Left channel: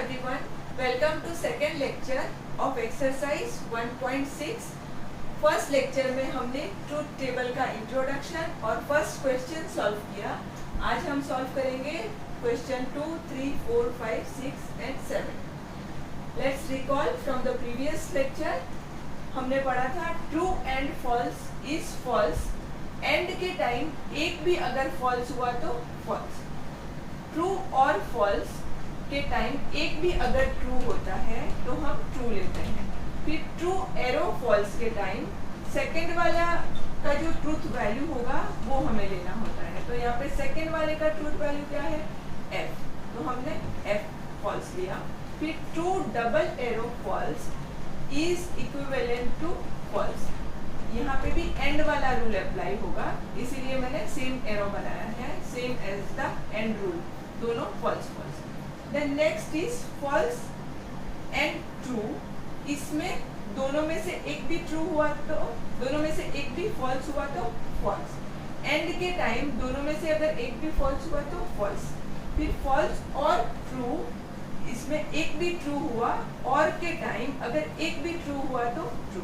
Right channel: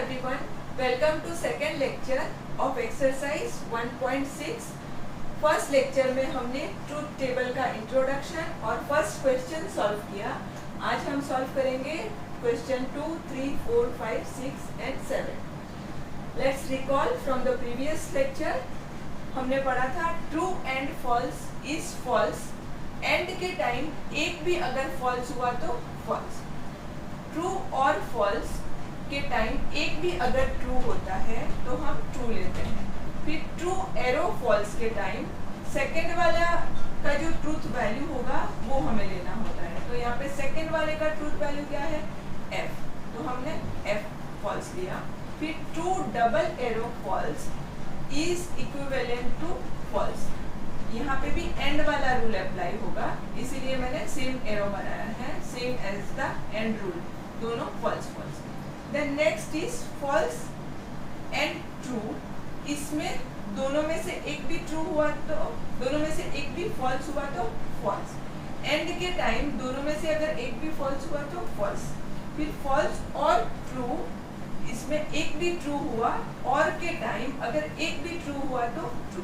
everyone, welcome to second lecture of exercise 1.6. First lecture में हमने truth table का introduction और फर्स्ट क्वेश्चन सॉल्व किया. आज हम सॉल्व करेंगे question 2, 3, 4, 5, 6 and 7. Let's recall from the previous lecture. हमने पढ़ा था true and false is false. And के टाइम एक भी अगर फॉल्स हुआ तो फॉल्स. ट्रू और फॉल्स के टाइम एक भी अगर ट्रू होता है तो हम ट्रू लेते हैं. फिर ट्रू एरो फॉल्स के टाइम सेकंड वाला का जो ट्रूथ वैल्यू होगा वो हमें लेना होता है. तो यहाँ पे सेकंड वाले का ट्रूथ वैल्यू क्या है? एफ. तो हमने एफ फॉल्स लिया. फिर true double arrow false is equivalent to false. यहाँ पे भी एंड वाला रूल अप्लाई होगा, इसीलिए मैंने सेम एरो बनाया है, same as the and rule. दोनों false false. Then next is false and true. इसमें दोनों में से एक भी ट्रू हुआ तो दोनों में से एक भी फॉल्स हुआ तो फॉल्स. एंड के टाइम दोनों में से अगर एक भी फॉल्स हुआ तो फॉल्स. फिर फॉल्स और ट्रू, इसमें एक भी ट्रू हुआ और के टाइम अगर एक भी ट्रू हुआ तो ट्रू.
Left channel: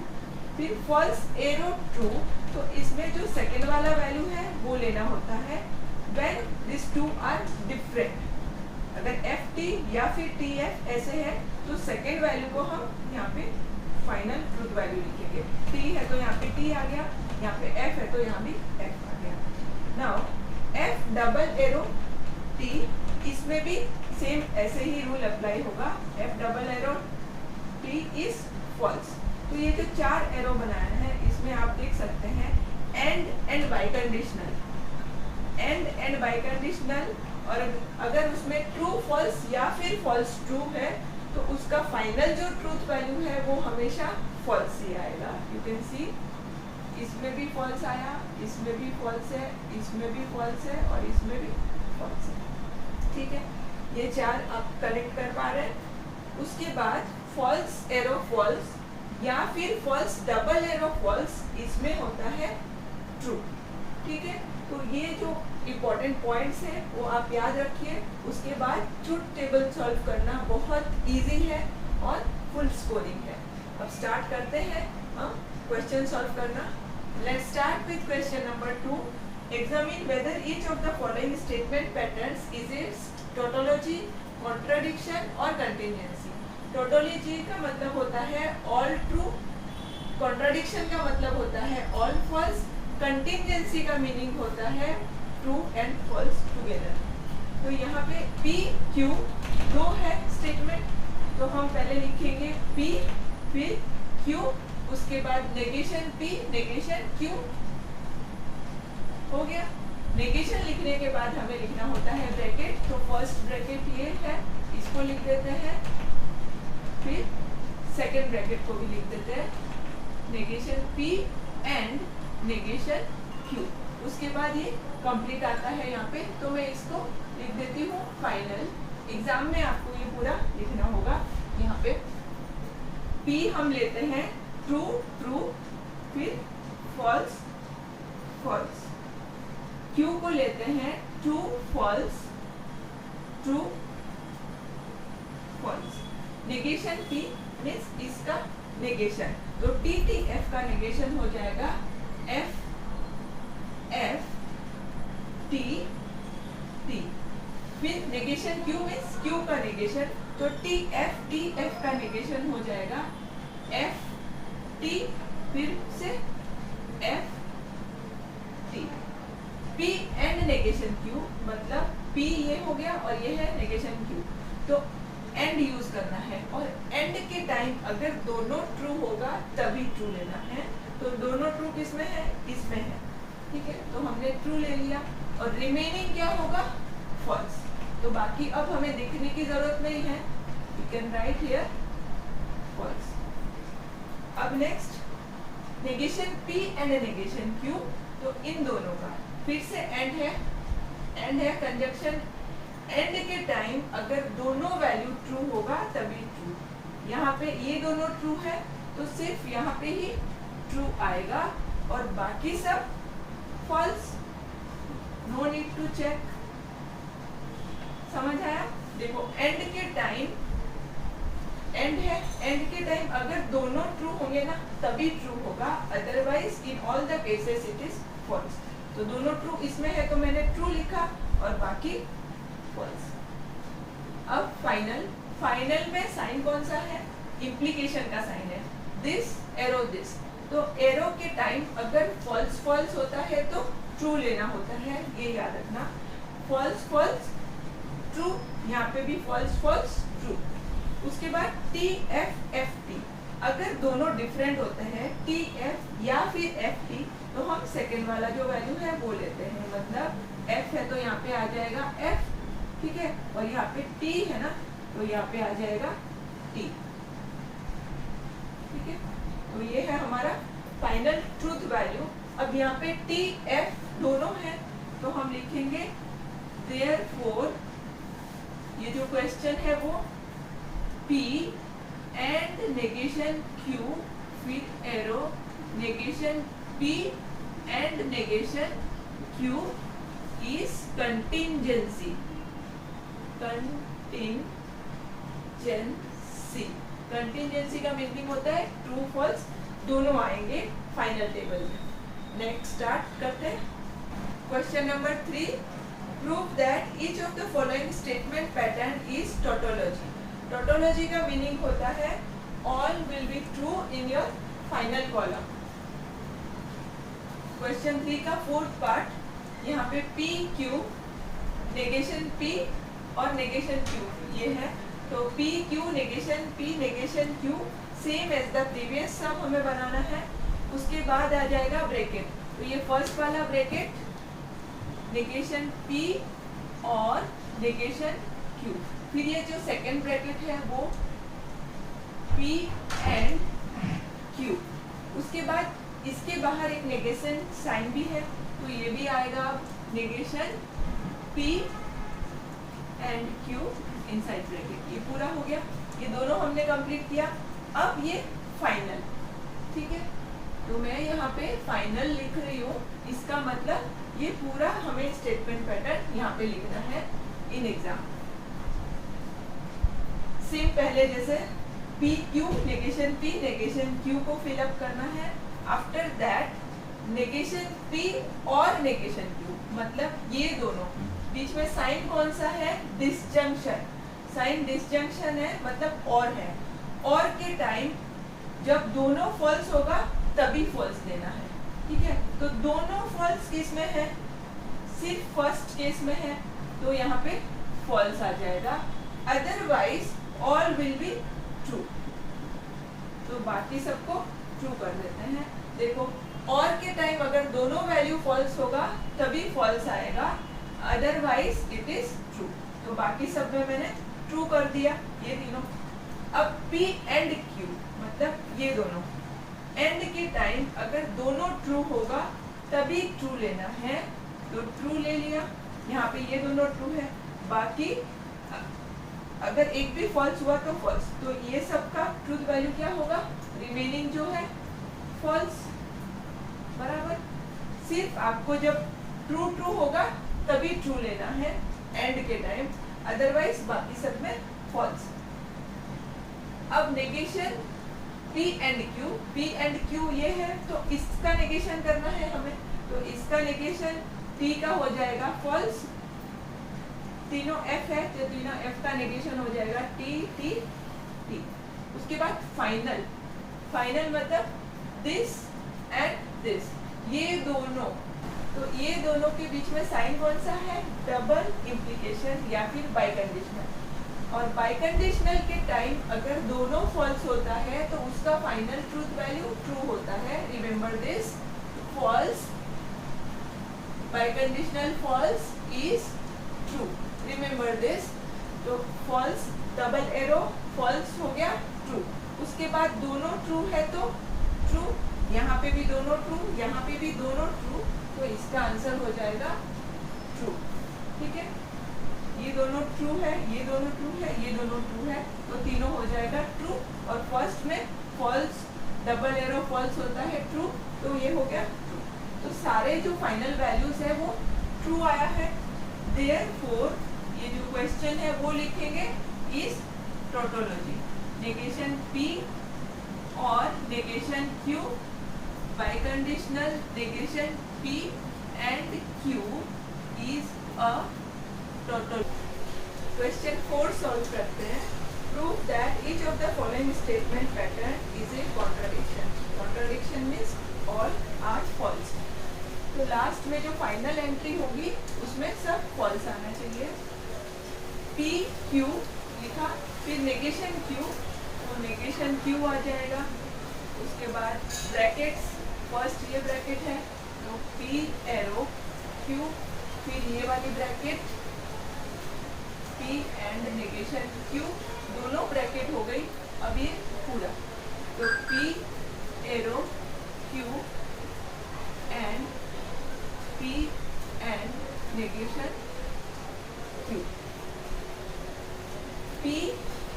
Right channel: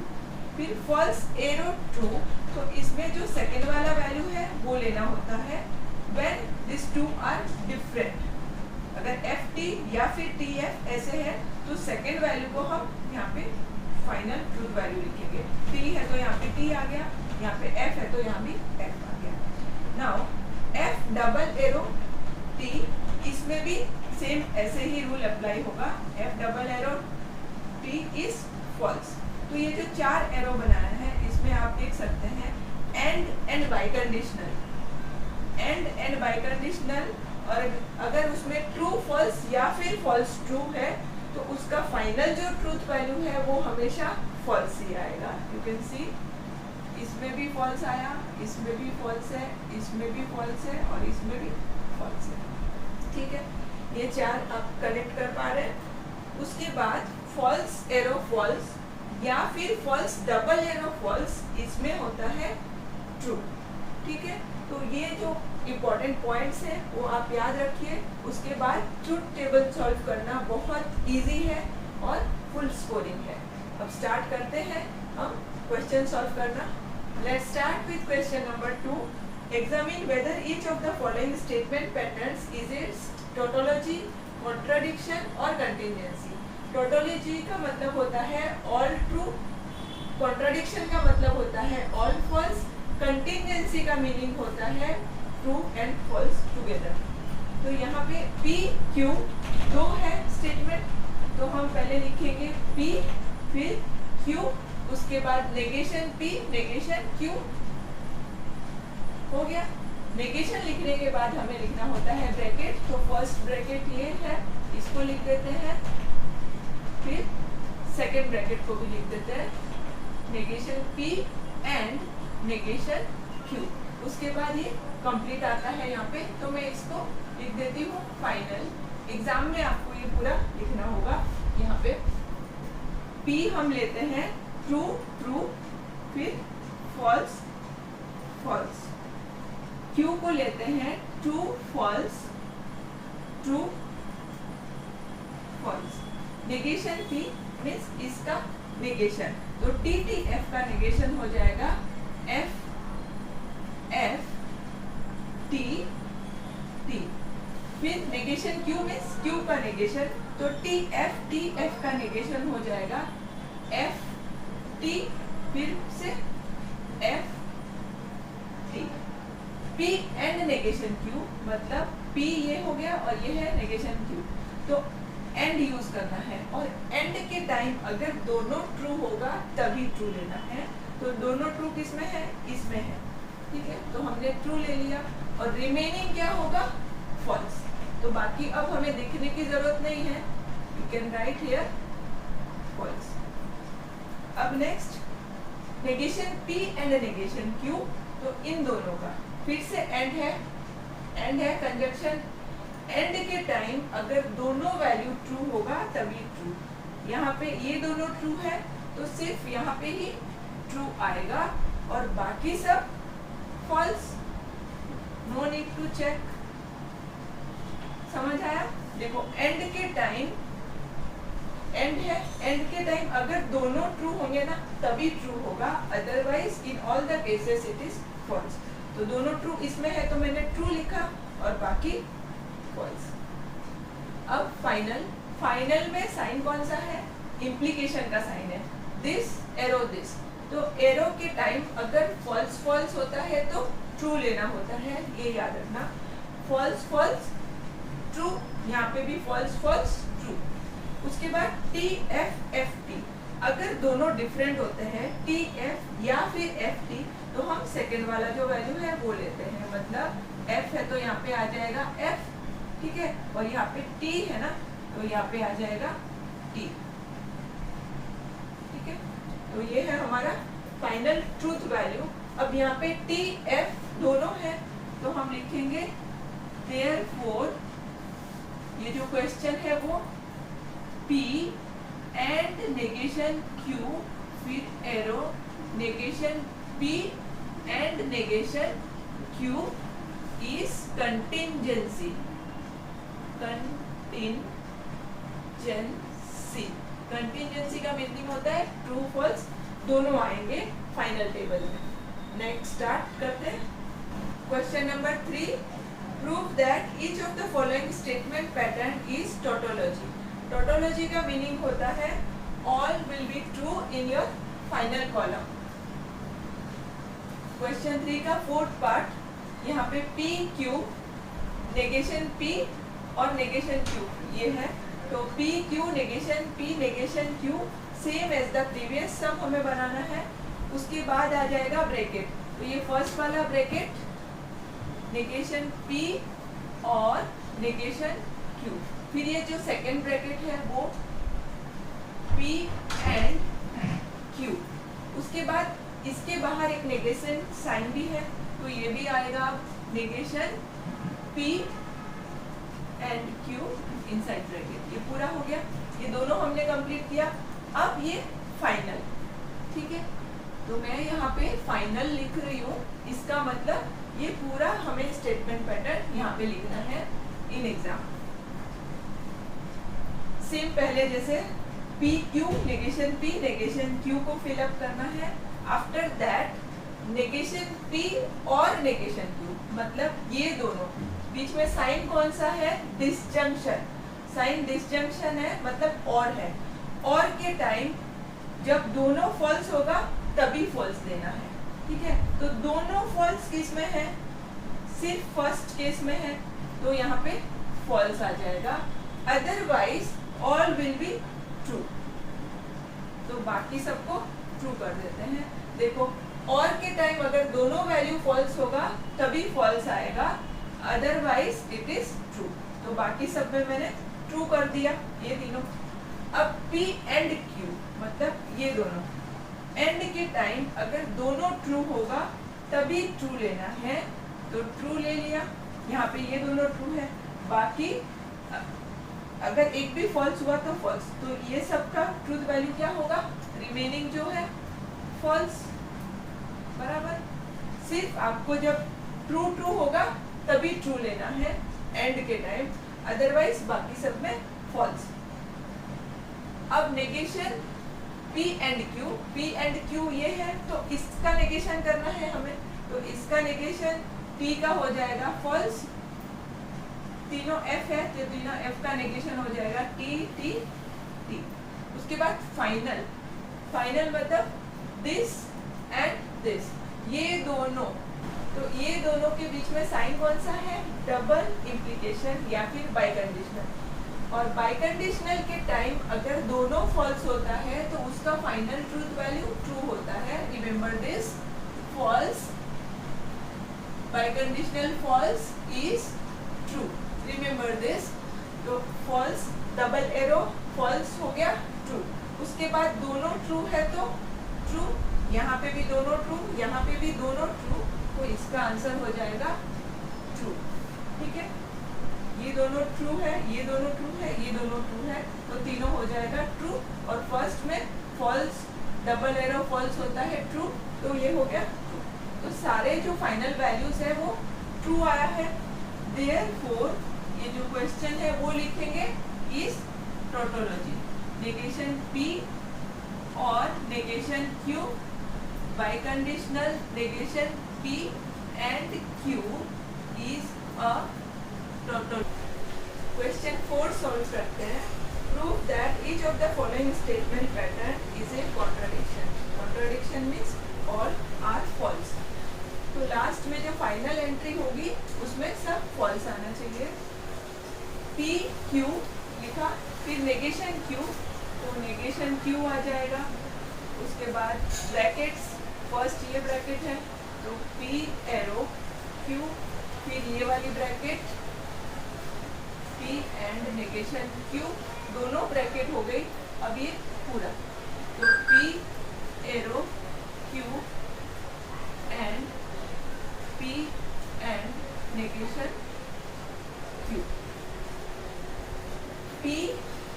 फिर फॉल्स एरो ट्रू, तो इसमें जो सेकंड वाला वैल्यू है वो लेना होता है when this two are different. अगर एफ टी या फिर टी एफ ऐसे है तो सेकंड वैल्यू को हम यहाँ पे फाइनल ट्रूथ वैल्यू लिखेंगे. टी है तो यहाँ पे टी आ गया, यहाँ पे एफ है तो यहाँ भी एफ आ गया. Now F double arrow T, इसमें भी सेम ऐसे ही रूल अप्लाई होगा. F double arrow T is false. तो ये जो चार एरो बनाया है इसमें आप देख सकते हैं and by conditional. And by conditional, और अगर उसमें ट्रू फॉल्स या फिर फॉल्स ट्रू है तो उसका फाइनल जो ट्रूथ वैल्यू है वो हमेशा फॉल्स ही आएगा. यू कैन सी इसमें भी फॉल्स आया, इसमें भी फॉल्स है, इसमें भी फॉल्स है और इसमें भी फॉल्स है. ठीक है, ये चार आप कनेक्ट कर पा रहे हैं. उसके बाद फॉल्स एरो फॉल्स या फिर फॉल्स डबल एरो फॉल्स, इसमें होता है ट्रू. ठीक है, तो ये जो इम्पोर्टेंट पॉइंट्स हैं वो आप याद रखिए. उसके बाद ट्रूथ टेबल सॉल्व करना बहुत इजी है और फुल स्कोरिंग है. अब स्टार्ट करते हैं हम क्वेश्चन सॉल्व करना. Let's start with question number 2. Examine whether each of the following statement patterns is it's tautology, contradiction और कंटिन्जेंसी. टोटोलॉजी का मतलब होता है ऑल ट्रू, कॉन्ट्राडिक्शन का मतलब होता है ऑल फॉल्स, कंटिन्जेंसी का मीनिंग होता है ट्रू एंड फॉल्स टुगेदर. तो यहाँ पे P Q दो है स्टेटमेंट, तो हम पहले लिखेंगे P फिर Q, उसके बाद नेगेशन P नेगेशन Q. हो गया. नेगेशन लिखने के बाद हमें लिखना होता है ब्रैकेट. तो फर्स्ट ब्रैकेट ये है, इसको लिख देते हैं. फिर सेकेंड ब्रैकेट को भी लिख देते हैं, negation P and negation Q. उसके बाद ये कंप्लीट आता है यहाँ पे, तो मैं इसको लिख देती हूँ फाइनल. एग्जाम में आपको ये पूरा लिखना होगा. यहाँ पे P हम लेते हैं ट्रू ट्रू, फिर फॉल्स फॉल्स. Q को लेते हैं true false true false. Negation P means इसका नेगेशन, तो T T F का नेगेशन हो जाएगा F F T T. फिर नेगेशन Q मीन्स Q का नेगेशन, तो T F का नेगेशन हो जाएगा F T फिर से F T. P and negation Q, मतलब P ये हो गया और ये है नेगेशन Q. तो एंड यूज करना है, और एंड के टाइम अगर दोनों ट्रू होगा तभी ट्रू लेना है. तो दोनों ट्रू किसमें है? इसमें है. ठीक है, तो हमने ट्रू ले लिया और रिमेनिंग क्या होगा? फॉल्स. तो बाकी अब हमें लिखने की जरूरत नहीं है, you can write here false. अब next negation P and negation Q, तो इन दोनों का फिर से एंड है कंजक्शन. एंड के टाइम अगर दोनों वैल्यू ट्रू होगा तभी ट्रू. यहाँ पे ये दोनों ट्रू है तो सिर्फ यहाँ पे ही ट्रू आएगा और बाकी सब false. No need to check. समझ आया? देखो एंड के टाइम एंड है, एंड के टाइम अगर दोनों ट्रू होंगे ना तभी ट्रू होगा, otherwise in all the cases it is false. तो दोनों ट्रू इसमें है तो मैंने ट्रू लिखा और बाकी फॉल्स। अब फाइनल में साइन कौन सा है? इम्प्लीकेशन का साइन है, दिस एरो दिस। तो एरो के टाइम अगर फॉल्स फॉल्स होता है तो ट्रू लेना होता है, ये याद रखना। फॉल्स फॉल्स ट्रू, यहाँ पे भी फॉल्स फॉल्स ट्रू। उसके बाद टी एफ एफ टी, अगर दोनों डिफरेंट होते हैं टी एफ या फिर एफ टी, तो हम सेकेंड वाला जो वैल्यू है वो लेते हैं। मतलब एफ है तो यहाँ पे आ जाएगा एफ, ठीक है, और यहाँ पे टी है ना तो यहाँ पे आ जाएगा टी, ठीक है। तो ये है हमारा फाइनल ट्रूथ वैल्यू। अब यहाँ पे टी एफ दोनों है तो हम लिखेंगे देयरफॉर, ये जो क्वेश्चन है वो P एंड नेगेशन Q, फिर arrow negation P and negation Q is contingency. Contingency का मीनिंग होता है ट्रू फॉल्स दोनों आएंगे फाइनल टेबल में। नेक्स्ट स्टार्ट करते हैं। Question number 3, prove that each of the following statement pattern is tautology. Tautology का मीनिंग होता है all will be true in your final column. Question 3 का फोर्थ पार्ट, यहाँ पे P Q नेगेशन P और negation Q ये है, तो P Q negation P negation Q same as the previous sum हमें बनाना है। उसके बाद आ जाएगा ब्रैकेट, तो ये फर्स्ट वाला ब्रैकेट नेगेशन P और नेगेशन Q, फिर ये जो सेकेंड ब्रैकेट है वो P एंड Q। उसके बाद इसके बाहर एक नेगेशन साइन भी है तो ये भी आएगा negation P and Q inside bracket. ये पूरा हो गया, ये दोनों हमने कंप्लीट किया। अब ये फाइनल, ठीक है, तो मैं यहाँ पे फाइनल लिख रही हूँ, इसका मतलब ये पूरा हमें स्टेटमेंट पैटर्न यहाँ पे लिखना है इन एग्जाम। सेम पहले जैसे P Q negation P negation Q को फिलअप करना है। आफ्टर दैट नेगेशन P और नेगेशन Q, मतलब ये दोनों बीच में साइन कौन सा है? डिसजंक्शन। साइन डिसजंक्शन है मतलब और है, और के टाइम जब दोनों फॉल्स होगा तभी फॉल्स देना है, ठीक है। तो दोनों फॉल्स किस में है? सिर्फ फर्स्ट केस में है तो यहाँ पे फॉल्स आ जाएगा, otherwise all will be true. तो बाकी सबको ट्रू कर देते हैं। देखो और के टाइम अगर दोनों वैल्यू फॉल्स होगा तभी फॉल्स आएगा, अदरवाइज इट इज ट्रू। तो बाकी सब में मैंने ट्रू कर दिया ये तीनों। अब P एंड Q मतलब ये दोनों, एंड के टाइम अगर दोनों ट्रू होगा तभी ट्रू लेना है, तो ट्रू ले लिया। यहाँ पे ये दोनों ट्रू है, बाकी अगर एक भी फॉल्स हुआ तो फॉल्स। तो ये सबका ट्रूथ वैल्यू क्या होगा? रिमेनिंग जो है फॉल्स, बराबर। सिर्फ आपको जब ट्रू ट्रू होगा तभी ट्रू लेना है एंड के टाइम, अदरवाइज बाकी सब में फॉल्स। अब नेगेशन P एंड Q ये है तो इसका नेगेशन करना है हमें, तो इसका नेगेशन T का हो जाएगा फॉल्स। तीनों F है तो तीनों F का नेगेशन हो जाएगा T T T। उसके बाद फाइनल मतलब दिस एंड दिस, ये दोनों, तो ये दोनों के बीच में साइन कौन सा है? डबल इम्प्लीकेशन या फिर बाइकंडीशनल। और बाइकंडीशनल के टाइम अगर दोनों फॉल्स होता है तो उसका फाइनल ट्रूथ वैल्यू ट्रू होता है। Remember this, false biconditional false is true, remember this. तो फॉल्स डबल एरो फॉल्स हो गया ट्रू। उसके बाद दोनों ट्रू है तो ट्रू, यहाँ पे भी दोनों ट्रू, यहाँ पे भी दोनों ट्रू, तो इसका आंसर हो जाएगा ट्रू, ठीक है। ये दोनों ट्रू है, ये दोनों ट्रू है, ये दोनों ट्रू है, तो तीनों हो जाएगा ट्रू। और फर्स्ट में फॉल्स डबल एरो फॉल्स होता है ट्रू, तो ये हो गया ट्रू। तो सारे जो फाइनल वैल्यूज है वो ट्रू आया है। देयरफॉर ये जो क्वेश्चन है वो लिखेंगे इज टोटोलॉजी। नेगेशन P और negation Q, biconditional negation P and Q is a total. Question 4 solve करते हैं। Prove that each of the following statement pattern is a contradiction. Contradiction means all are false. तो last में जो final entry होगी उसमें सब false आना चाहिए। P Q लिखा, फिर नेगेशन Q, तो नेगेशन Q आ जाएगा। उसके बाद ब्रैकेट्स, फर्स्ट ये ब्रैकेट है तो P एरो Q, फिर ये वाली bracket P and negation Q, दोनों ब्रैकेट हो गई। अब ये पूरा तो P arrow Q and P and negation Q। P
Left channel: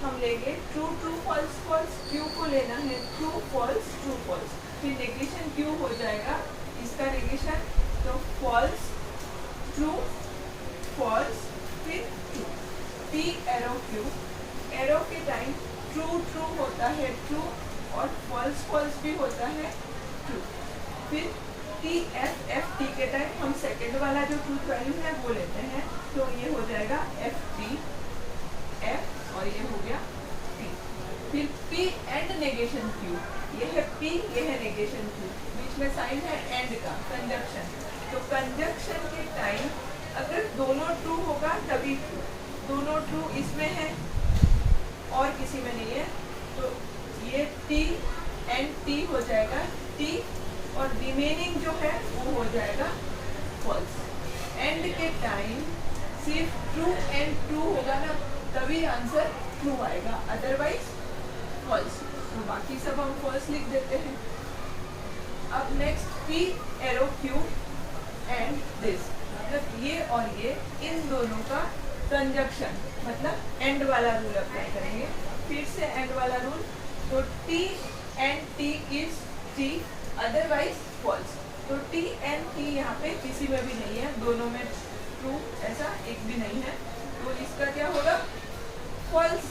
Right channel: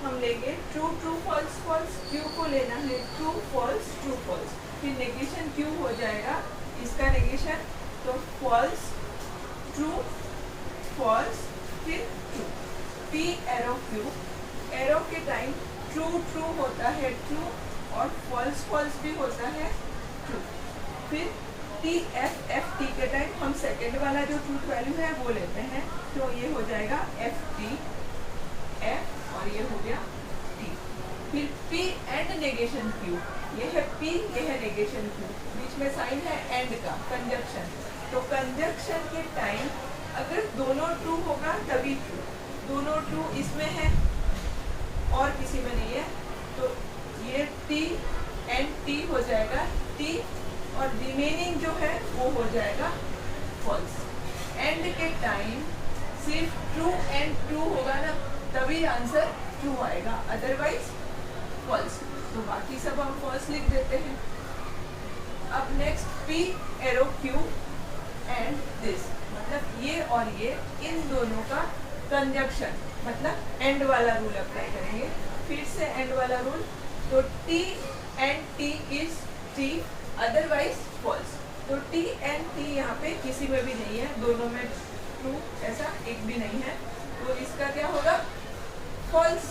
हम लेंगे true true false false, Q को लेना है ट्रू फॉल्स ट्रू फॉल्स, फिर नेगेशन Q हो जाएगा इसका नेगेशन, तो फॉल्स ट्रू फॉल्स फिर true. P arrow Q, arrow के टाइम ट्रू ट्रू होता है ट्रू और फॉल्स फॉल्स भी होता है ट्रू। फिर T F F T के टाइम हम सेकेंड वाला जो ट्रूथ वैल्यू है वो लेते हैं, तो ये हो जाएगा F T F और ये हो गया T। फिर P एंड नेगेशन Q, ये है P ये है नेगेशन Q, बीच में साइन है एंड का, कंजक्शन। तो कंजक्शन के टाइम अगर दोनों ट्रू होगा तभी ट्रू, दोनों ट्रू इसमें है और किसी में नहीं है, तो ये T एंड T हो जाएगा T और रिमेनिंग जो है वो हो जाएगा फॉल्स। एंड के टाइम सिर्फ ट्रू एंड ट्रू होगा ना तभी आंसर ट्रू आएगा, अदरवाइज फॉल्स। तो बाकी सब हम फॉल्स लिख देते हैं। अब next P arrow Q and this, मतलब ये और ये इन दोनों का कंजक्शन, मतलब एंड वाला रूल अप्लाई करेंगे। फिर से एंड वाला रूल, तो T and T is T otherwise false. तो T एंड T यहाँ पे किसी में भी नहीं है, दोनों में ट्रू ऐसा एक भी नहीं है, तो इसका क्या होगा फॉल्स।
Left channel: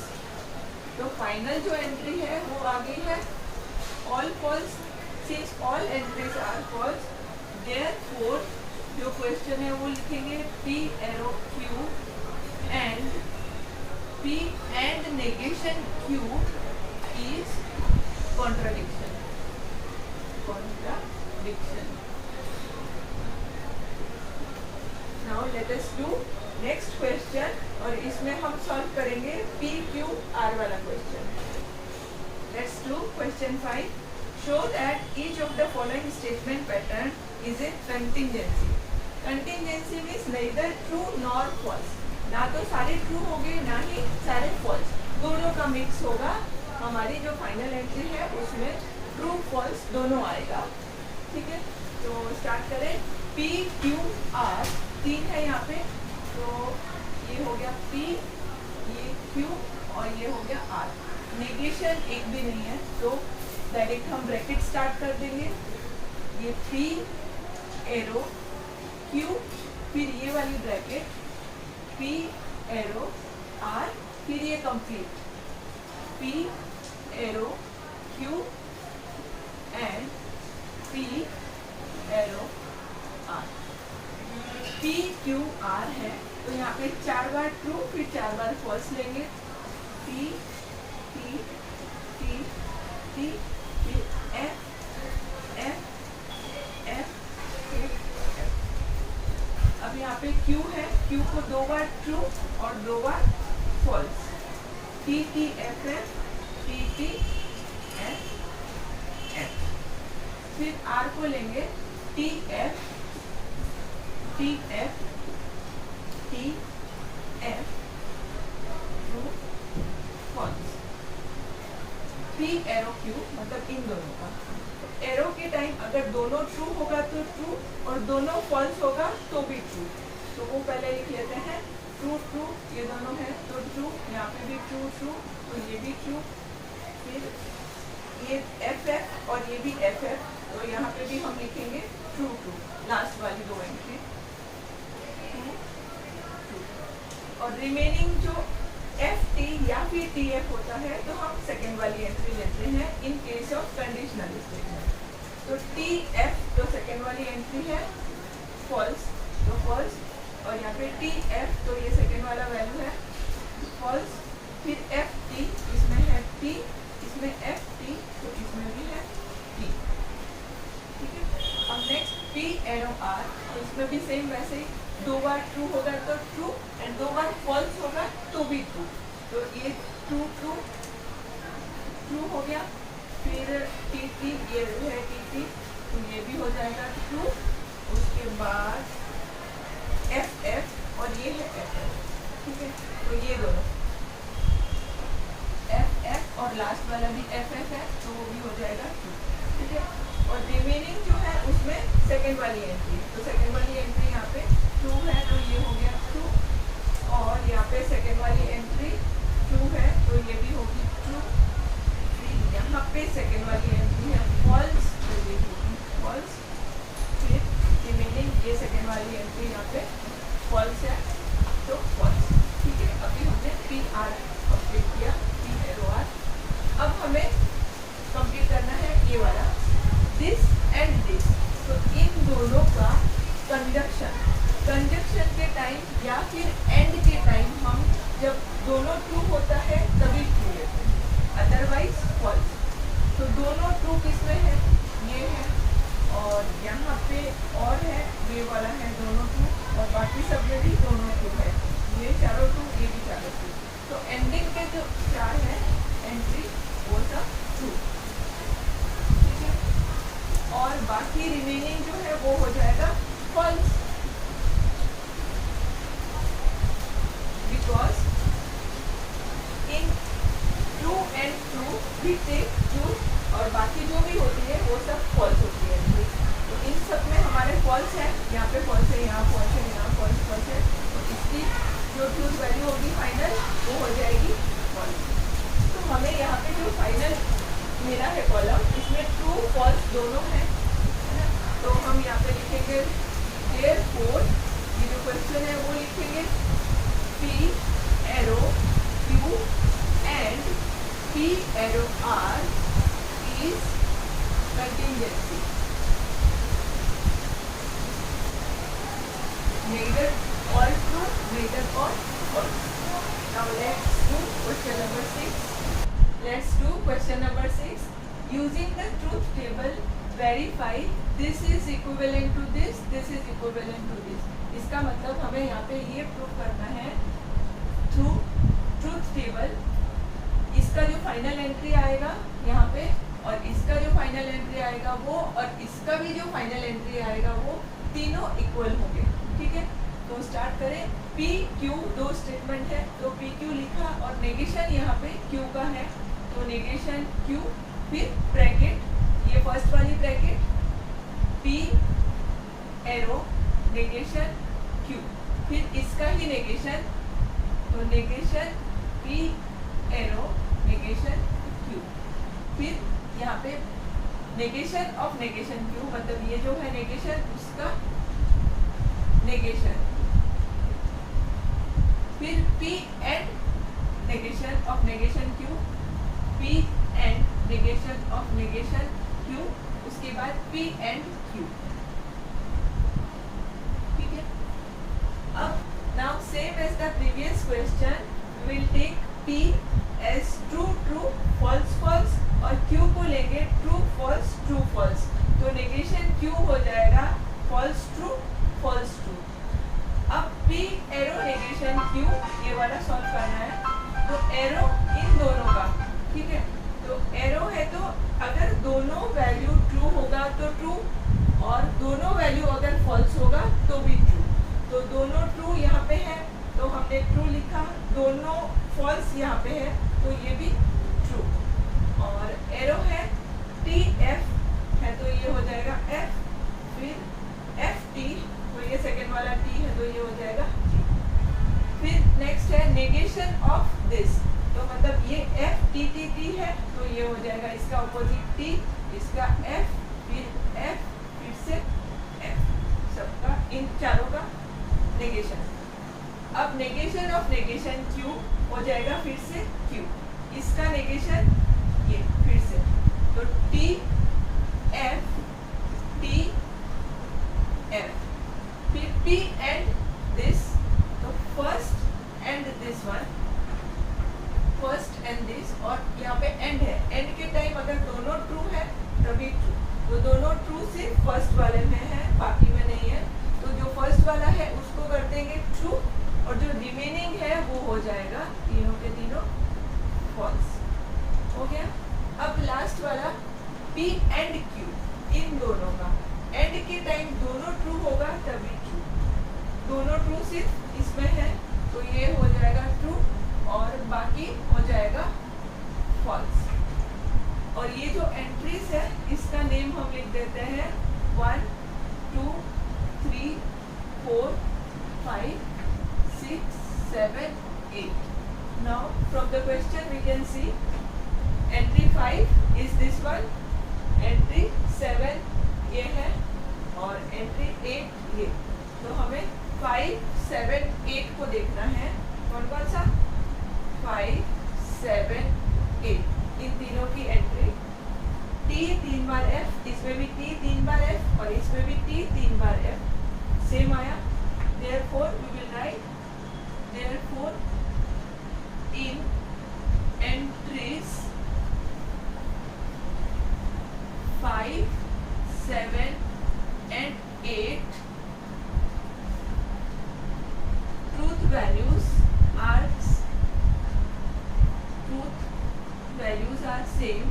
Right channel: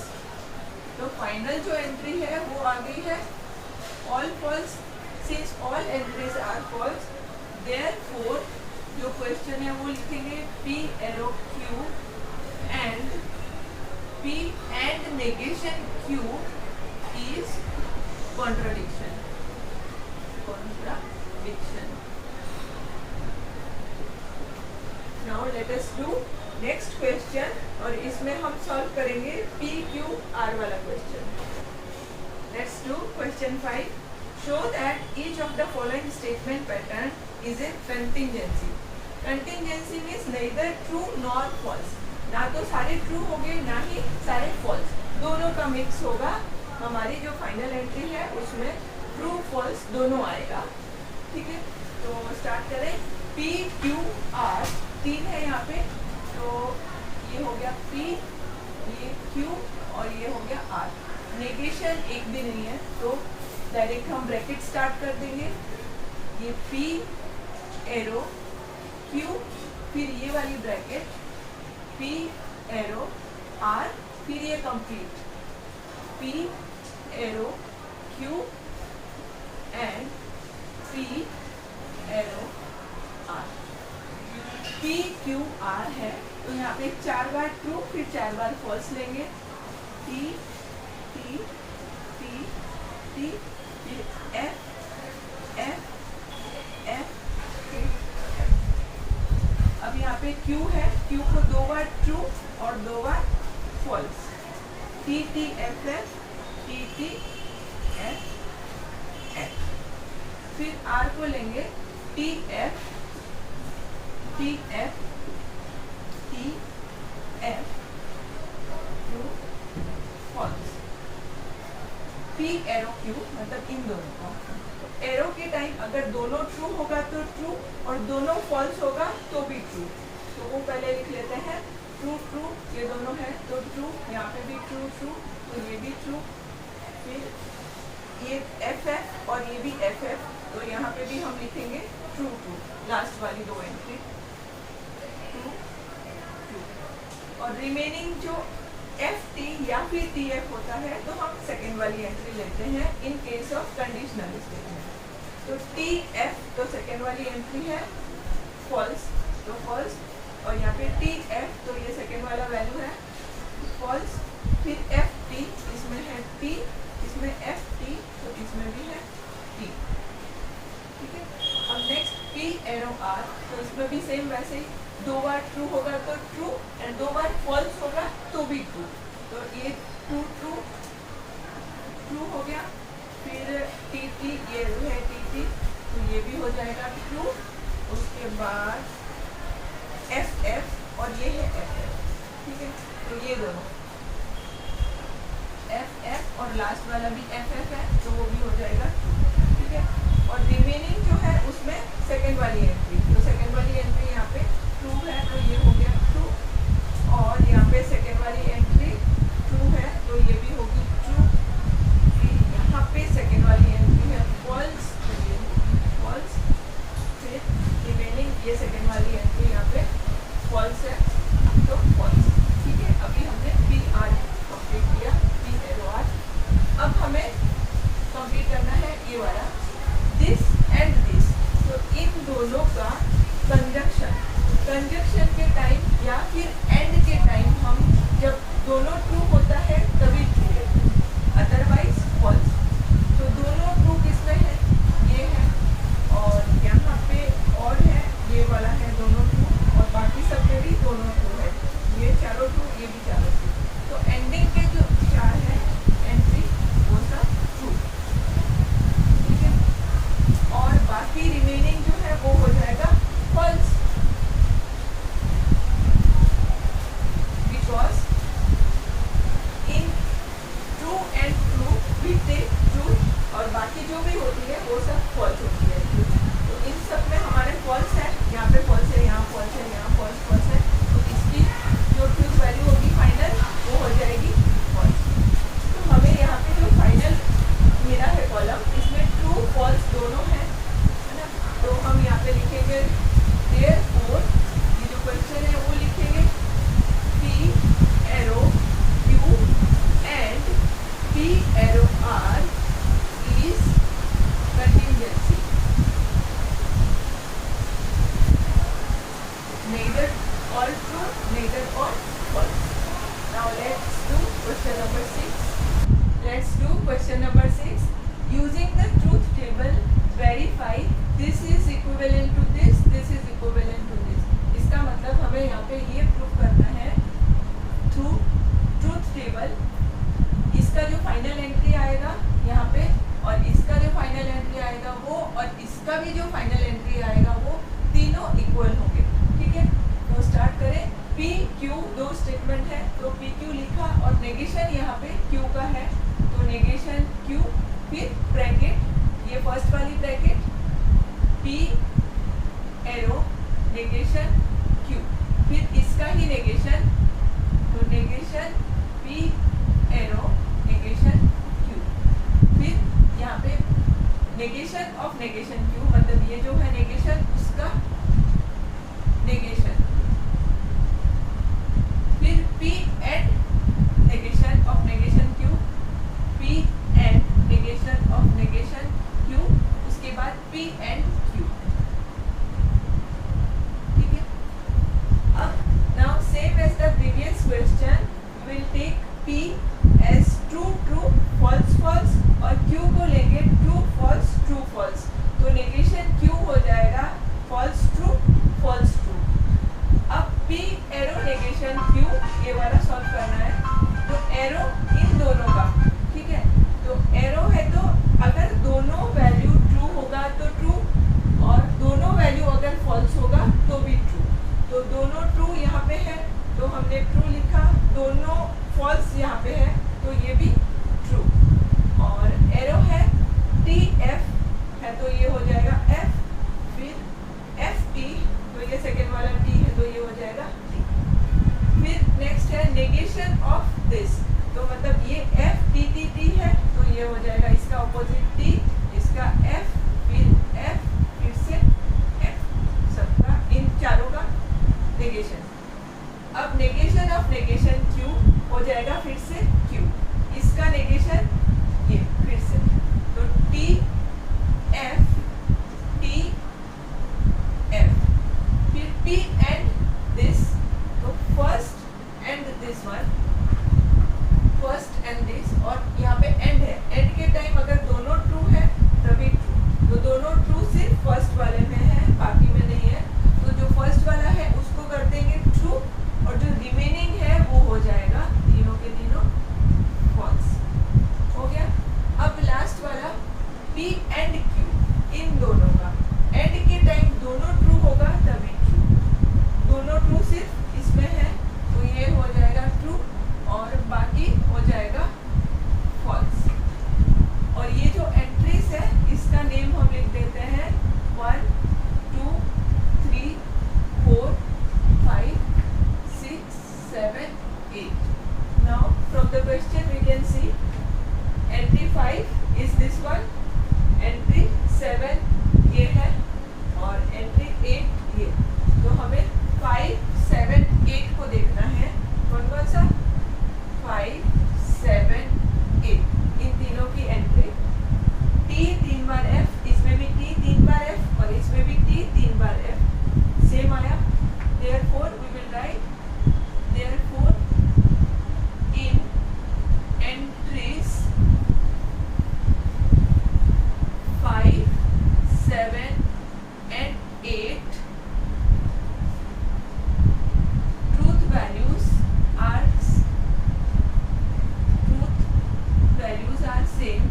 तो फाइनल जो एंट्री है वो आ गई है all false. Since all entries are false, therefore जो क्वेश्चन है वो लिखेंगे P arrow Q and P and negation Q is contradiction. Contradiction. Now let us do next question और इसमें हम सॉल्व करेंगे P Q R वाला question. Let's do question 5. Show that each of the following statement pattern is a contingency. Contingency means neither true nor false. ना तो सारे true होंगे ना ही सारे फॉल्स, दोनों का मिक्स होगा। हमारी जो फाइनल एंट्री है उसमें ट्रू फॉल्स दोनों आएगा। ठीक है, तो स्टार्ट करें। P Q R 3 है यहाँ पे, तो ये हो गया P, ये Q और ये हो गया R। नेगेशन एक भी नहीं है तो डायरेक्ट हम ब्रैकेट स्टार्ट कर देंगे। ये P एरो Q, फिर ये वाली ब्रैकेट P एरो R, फिर ये complete P arrow Q and P arrow R। P Q R है तो यहाँ पे 4 बार ट्रू फिर 4 बार फॉल्स लेंगे। P P P P फिर F F F फिर F। अब यहाँ पे Q है, Q को 2 बार ट्रू और 2 बार false. T T F F T T F F। फिर R को लेंगे T F T F T F true false. P arrow Q मतलब इन दोनों का, तो एरो के टाइम अगर दोनों ट्रू होगा तो ट्रू और दोनों फॉल्स होगा तो भी ट्रू। तो वो पहले लिख लेते हैं ट्रू ट्रू, ये दोनों है तो ट्रू, यहाँ पे भी ट्रू ट्रू, तो ये भी ट्रू। फिर ये एफ एफ और ये भी एफ एफ, तो यहाँ पे भी हम लिखेंगे ट्रू ट्रू, लास्ट वाली 2 एंट्री ट्रू ट्रू। और रिमेनिंग जो एफ टी या फिर टी एफ होता है तो हम सेकेंड वाली एंट्री लेते हैं इन केस ऑफ कंडीशनल स्टेटमेंट। तो टी एफ तो सेकेंड वाली एंट्री है फॉल्स, तो फॉल्स, और यहाँ पे टी एफ तो ये सेकेंड वाला वैल्यू है फॉल्स। फिर एफ टी, इसमें है टी, इसमें एफ टी, तो इसमें भी है टी, ठीक है। अब नेक्स्ट पी एरो आर, तो इसमें भी सेम वैसे ही, दो बार ट्रू होगा तो ट्रू एंड दो बार फॉल्स होगा तो भी ट्रू, तो ये ट्रू ट्रू ट्रू हो गया। फिर टी टी, ये है टी टी, तो ये भी हो जाएगा ट्रू। उसके बाद एफ एफ और ये है एफ एफ, ठीक है, तो ये दोनों एफ एफ और लास्ट वाला भी एफ एफ है तो वो भी हो जाएगा ट्रू, ठीक है। और रिमेनिंग जो है उसमें सेकेंड वाली एंट्री, तो सेकेंड वाली एंट्री यहाँ पे ट्रू है तो ये हो गया ट्रू, और यहाँ पे सेकेंड वाली एंट्री ट्रू है तो ये भी होगी ट्रू। फिर यहाँ पे सेकेंड वाली एंट्री है फॉल्स तो ये होगी फॉल्स। फिर रिमेनिंग ये सेकेंड वाली एंट्री यहाँ पे फॉल्स है तो फॉल्स, ठीक है। अभी हमने पी आर कंप्लीट किया, पी एरो आर। अब हमें कंप्लीट करना है ये वाला दिस एंड दिस, तो इन दोनों का कंजक्शन के टाइम या फिर एंड के टाइम हम जब दोनों ट्रू होता है तभी ट्रू लेते हैं, अदरवाइज फॉल्स। तो दोनों ट्रू किसमें है, ये है और यहाँ पे और है, ये वाला है दोनों ट्रू, और बाकी सब में भी दोनों ट्रू है, ये चारों ट्रू, ये भी चारों ट्रू। तो एंडिंग के जो चार है एंट्री वो सब ट्रू, ठीक है। और बाकी रिमेनिंग जो है वो हो जाएगा false, because in true and true we take true, और बाकी जो भी होती है वो सब फॉल्स होती है। तो इन सब में हमारे फॉल्स है, यहाँ पे फॉल्स है, यहाँ फॉल्स है, यहाँ फॉल्स फॉल्स है, तो इसकी जो ट्रूथ वैल्यू होगी फाइनल वो हो जाएगी फॉल्स। तो हमें यहाँ पे जो फाइनल मिला है कॉलम, इसमें ट्रू फॉल्स दोनों है ना। तो हम यहाँ पे लिखेंगे देयरफॉर, ये जो क्वेश्चन है वो लिखेंगे P arrow Q and P arrow R is contingency, neither all true, neither all false. Now let's do question number 6. Let's do question number 6. Using the truth table, verify this is equivalent to this, this is equivalent to this. इसका मतलब हमें यहाँ पे ये prove करना है through truth table, इसका जो फाइनल एंट्री आएगा यहाँ पे और इसका जो फाइनल एंट्री आएगा वो, और इसका भी जो फाइनल एंट्री आएगा वो तीनों इक्वल होंगे, ठीक है। तो स्टार्ट करें। पी क्यू दो स्टेटमेंट है तो पी क्यू लिखा और नेगेशन यहाँ पे क्यू का है तो नेगेशन क्यू, फिर ब्रैकेट, ये फर्स्ट वाली bracket P arrow negation Q, फिर इसका ही नेगेशन, तो negation P arrow negation Q, फिर यहाँ पे नेगेशन ऑफ नेगेशन क्यू, मतलब ये जो है नेगेशन उसका नेगेशन, फिर P and negation of negation Q, P and negation of negation Q, उसके बाद पी एंड क्यू, ठीक है। अब now same as the previous question will take P as true true false false और Q को लेंगे true false true false, तो negation Q हो जाएगा फॉल्स ट्रू फॉल्स ट्रू। अब पी एरो नेगेशन क्यू ये वाला सॉल्व करना है, तो एरो इन दोनों का, ठीक है। तो एरो है तो अगर दोनों वैल्यू ट्रू होगा तो ट्रू, और दोनों वैल्यू अगर फॉल्स होगा तो भी ट्रू। तो दोनों ट्रू यहाँ पे है तो हमने ट्रू लिखा, दोनों फॉल्स यहाँ पे है तो ये भी ट्रू। और एरो है टी एफ है तो ये हो जाएगा एफ, फिर एफ टी तो ये सेकेंड वाला टी है तो ये हो जाएगा टी। फिर नेक्स्ट है नेगेशन ऑफ दिस, तो मतलब ये एफ टी टी टी है तो ये हो जाएगा इसका ऑपोजिट टी, इसका एफ, फिर एफ, फिर से एफ, सबका इन चारों का नेगेशन। अब नेगेशन ऑफ नेगेशन क्यू हो जाएगा फिर से Q, इसका नेगेशन ये फिर से, तो T F फिर T एंड दिस, तो first and this one, first and this, और यहाँ पे एंड है, एंड के टाइम अगर दोनों ट्रू है तभी ट्रू, तो दोनों ट्रू सिर्फ फर्स्ट वाले में है, बाकी में नहीं है, तो जो फर्स्ट वाला है उसको कर देंगे ट्रू, और जो रिमेनिंग है वो हो जाएगा तीनों के तीनों फॉल्स। हो गया। अब लास्ट वाला P एंड Q, इन दोनों का एंड के टाइम दोनों ट्रू होगा तभी ट्रू, दोनों ट्रू सिर्फ इसमें है तो ये हो जाएगा ट्रू, और बाकी हो जाएगा फॉल्स। और ये जो एंट्रीज है इसका नेम हम लिख देते हैं 1 2 3 4 5 6 7 8। Now from the question we can see entry 5 is this one, entry 7 ये है, और entry 8 ये, तो हमें 5 7 8 को देखना है, कौन कौन सा 5 7 8, इन तीनों की एंट्री। T 3 बार F, इसमें भी T 3 बार F और इसमें भी T 3 बार F, सेम आया। Therefore we will write, therefore in entries 5 7 and 8 truth values are same,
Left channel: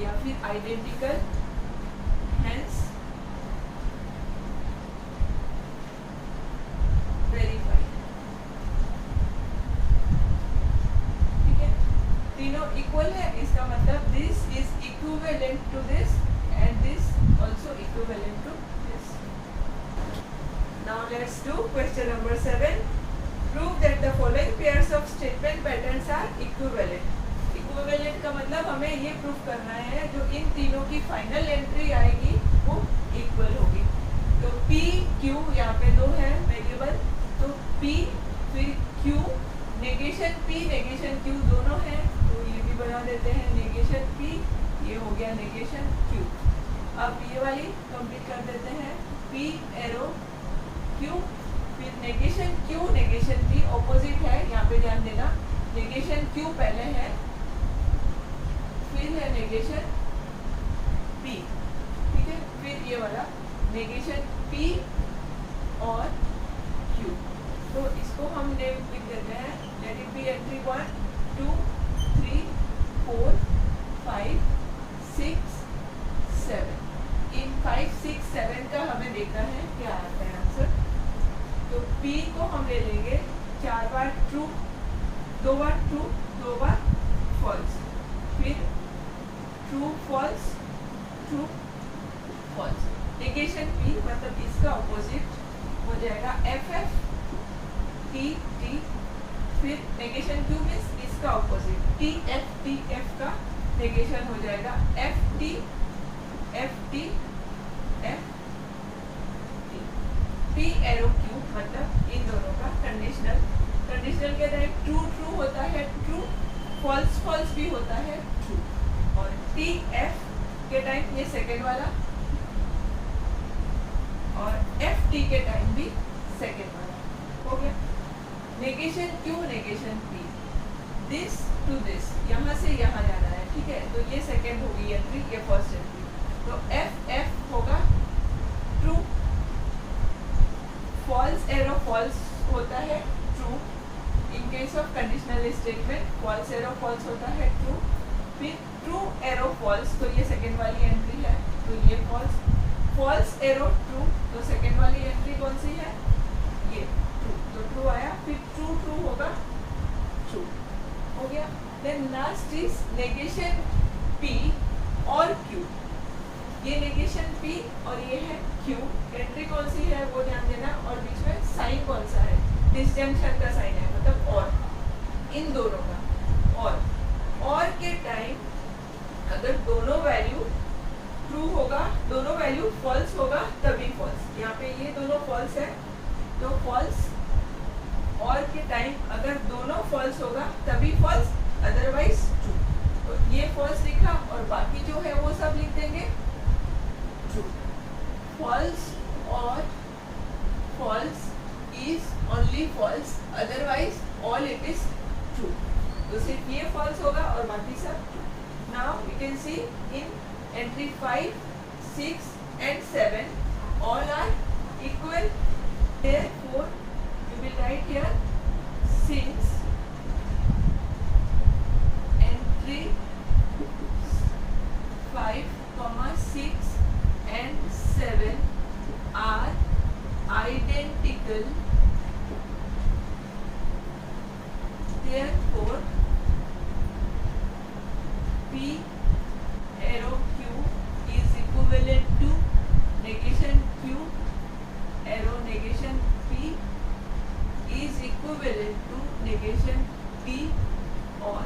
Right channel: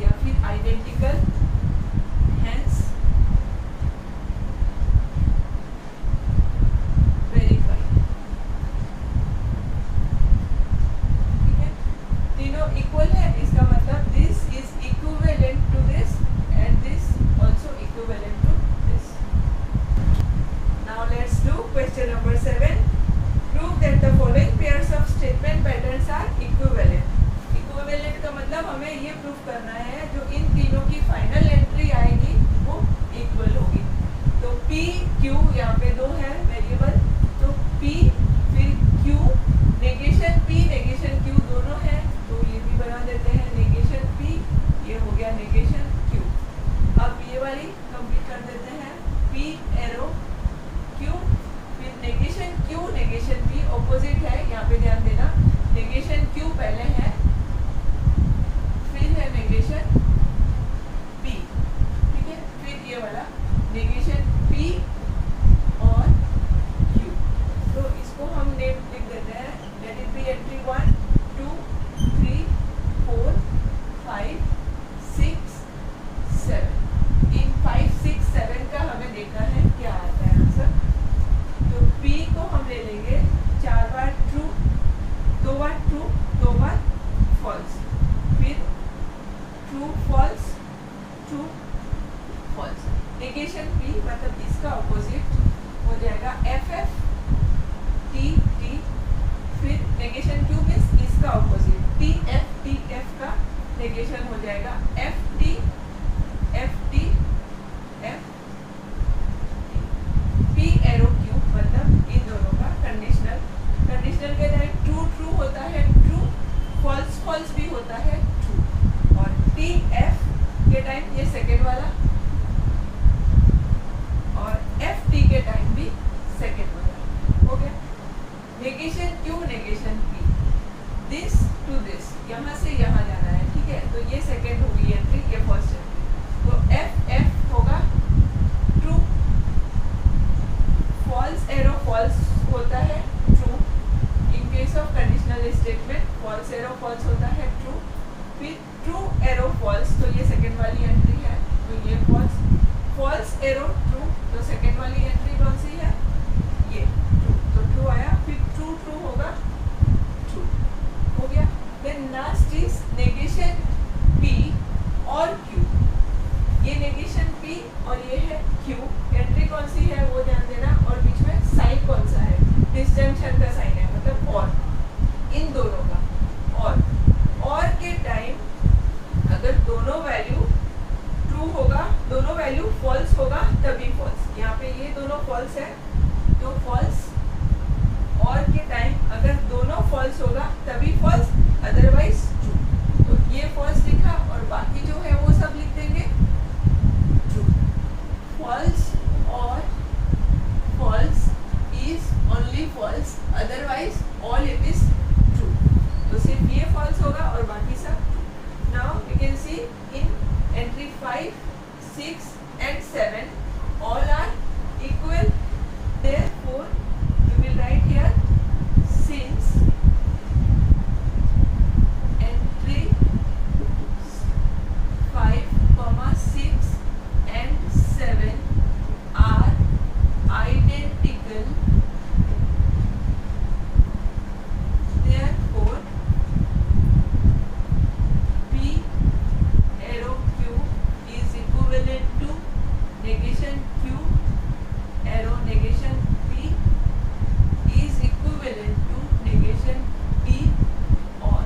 या फिर identical, hence verified। ठीक है, तीनों इक्वल है, इसका मतलब this is equivalent to this and this also equivalent to this। Now let's do question number 7। Prove that the following pairs of statement patterns are equivalent। Equivalent का मतलब हमें ये प्रूफ करना है जो इन तीनों की फाइनल एंट्री आएगी वो इक्वल होगी। तो P Q यहाँ पे दो है वेरिएबल, तो P फिर Q, negation P negation Q दोनों है, तो ये भी बना देते हैं नेगेशन P, ये हो गया नेगेशन Q। अब ये वाली कंप्लीट कर देते हैं, P एरो Q, फिर negation Q negation P, opposite है यहाँ पे ध्यान देना, नेगेशन Q पहले है, फिर है नेगेशन P, ठीक है, फिर ये वाला नेगेशन P और Q, तो इसको हम नेम लिख देते हैं, लेट इट बी एंट्री 1 2 3 4 5 6 7। इन 5 6 7 का हमें देखना है क्या आता है आंसर। तो P को हम ले लेंगे 4 बार ट्रू, 2 बार ट्रू, 2 बार फॉल्स, फिर true false true false. Negation P मतलब इसका ऑपोजिट हो जाएगा FF T T, फिर नेगेशन Q मींस इसका ऑपोजिट TF का नेगेशन हो जाएगा FT FT F T। P arrow Q मतलब इन दोनों का कंडीशनल, कंडीशनल के टाइम ट्रू ट्रू होता है ट्रू, फॉल्स फॉल्स भी होता है ट्रू, और T F के टाइम ये सेकेंड वाला, और F T के टाइम भी सेकेंड वाला। हो गया। Negation Q negation P, this to this, यहाँ से यहाँ जाना है, ठीक है, तो ये सेकेंड होगी एंट्री, ये फर्स्ट एंट्री, तो F F होगा ट्रू, फॉल्स एरो फॉल्स होता है true, in case of conditional statement false arrow false होता है ट्रू, फिर ट्रू एरो फॉल्स, तो ये सेकेंड वाली एंट्री है, तो ये फॉल्स, फॉल्स एरो ट्रू, तो सेकेंड वाली एंट्री कौन सी है, ये ट्रू, तो ट्रू आया, फिर ट्रू ट्रू होगा ट्रू। हो गया। Then last is negation P और Q, ये नेगेशन P और ये है Q, एंट्री कौन सी है वो ध्यान देना, और बीच में साइन कौन सा है, डिसजंक्शन का साइन है, मतलब और, इन दोनों का और के टाइम अगर दोनों वैल्यू ट्रू होगा, दोनों वैल्यू फॉल्स होगा तभी फॉल्स, यहाँ पे ये दोनों फॉल्स है तो फॉल्स तभी फॉल्स, अदरवाइज ट्रू। तो ये फॉल्स लिखा और बाकी जो है वो सब लिख देंगे ट्रू। फॉल्स और false is only false, otherwise all it is true. तो सिर्फ ये फॉल्स होगा और बाकी सब true. Now we can see in entry 5, 6 and 7 all are equal, therefore we will write here since entry 5, 6 and 7 are identical, therefore P arrow Q is equivalent to negation Q arrow negation P is equivalent to negation P or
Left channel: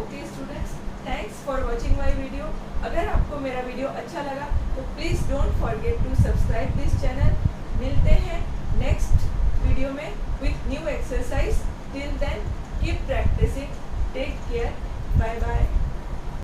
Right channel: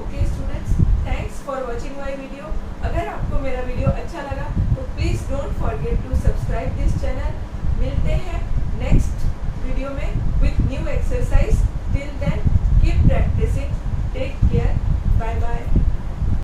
okay students, thanks for watching my video. अगर आपको मेरा video अच्छा लगा तो please don't forget to subscribe this channel. मिलते हैं next video में with new exercise. Till then keep practising, take care, bye bye.